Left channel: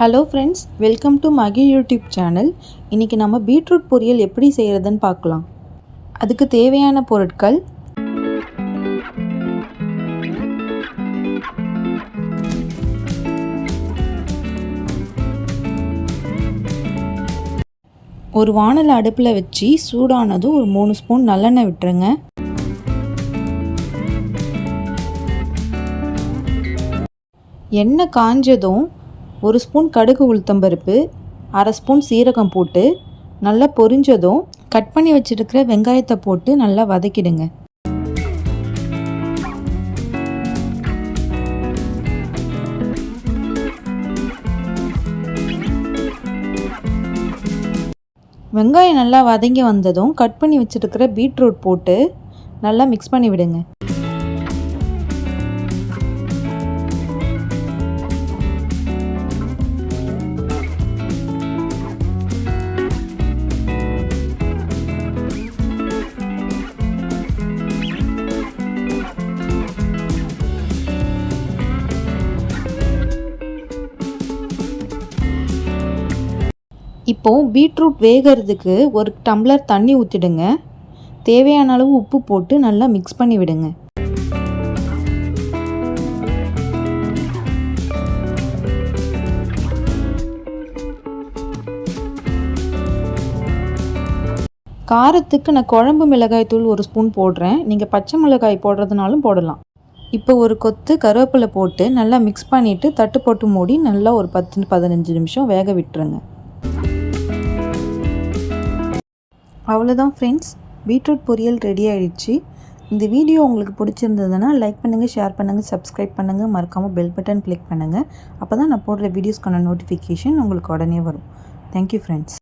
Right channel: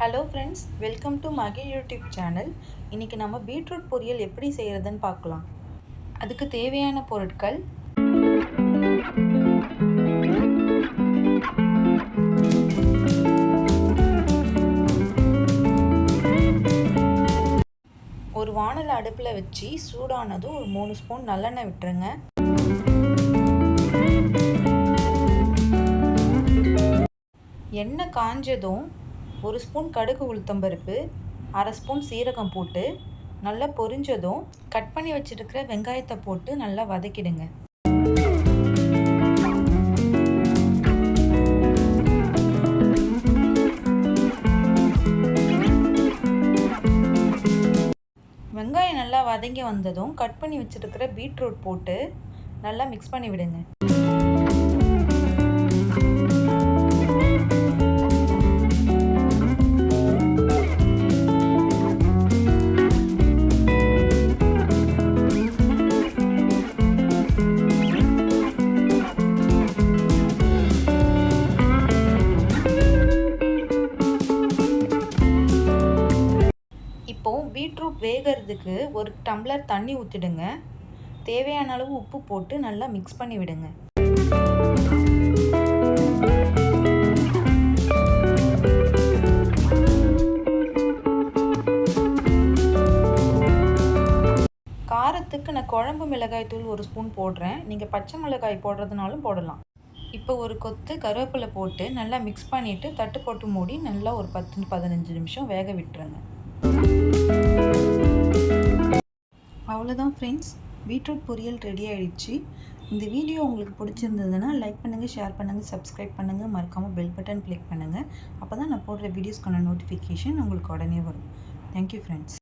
Hello friends, welcome to Magizh YouTube channel. இன்றைக்கி நம்ம beetroot பொரியல் எப்படி செய்கிறதுன்னு பார்க்கலாம். அதுக்கு தேவையான பொருட்கள்: ஒரு வாணல் அடுப்பில் வச்சு சூடானதும் ஒரு 3 ஸ்பூன் நல்லெண்ணெய் விட்டுருங்க. எண்ணெய் காஞ்சதும் 1 ஸ்பூன் கடுகு உளுத்தம்பருப்பு, 1/2 ஸ்பூன் சீரகம் போட்டு நல்லா பொரிஞ்சதும் கட் பண்ணி வச்சுருக்கிற வெங்காயத்தை போட்டு நல்லா வதக்கிடுங்க. வெங்காயம் நல்லா வதங்கி வந்ததும் கட் பண்ணி வச்சுருக்கிற பீட்ரூட் போட்டு நல்லா மிக்ஸ் பண்ணி விடுங்க. இப்போது பீட்ரூட் வேகிறதுக்கு 1 டம்ளர் தண்ணி ஊற்றிடுங்க. தேவையான அளவு உப்பு போட்டு நல்லா மிக்ஸ் பண்ணி விடுங்க. காரத்துக்கு நான் குழம்பு மிளகாய் தூள் 1 ஸ்பூன் போடுறேன். நீங்கள் பச்சை மிளகாய் போடுறதுனாலும் போடலாம். இப்போ ஒரு கொத்து கருவேப்பிலை போட்டு நல்லா மிக்ஸ் பண்ணிவிட்டு தட்டு போட்டு மூடி நல்லா ஒரு 10-15 நிமிஷம் வேக விட்டுருங்க. அவ்வளோதான் ஃப்ரெண்ட்ஸ், பீட்ரூட் பொரியல் ரெடி ஆகிடுச்சு. இந்த வீடியோ உங்களுக்கு பிடிச்சிருந்ததுன்னா லைக் பண்ணுங்கள், ஷேர் பண்ணுங்கள், சப்ஸ்கிரைப் பண்ணுங்கள், மறக்காமல் பெல் பட்டன் கிளிக் பண்ணுங்கள். அப்போ தான் நான் போடுற வீடியோஸ்க்கான நோட்டிஃபிகேஷன் உங்களுக்கு உடனே வரும். Thank you friends.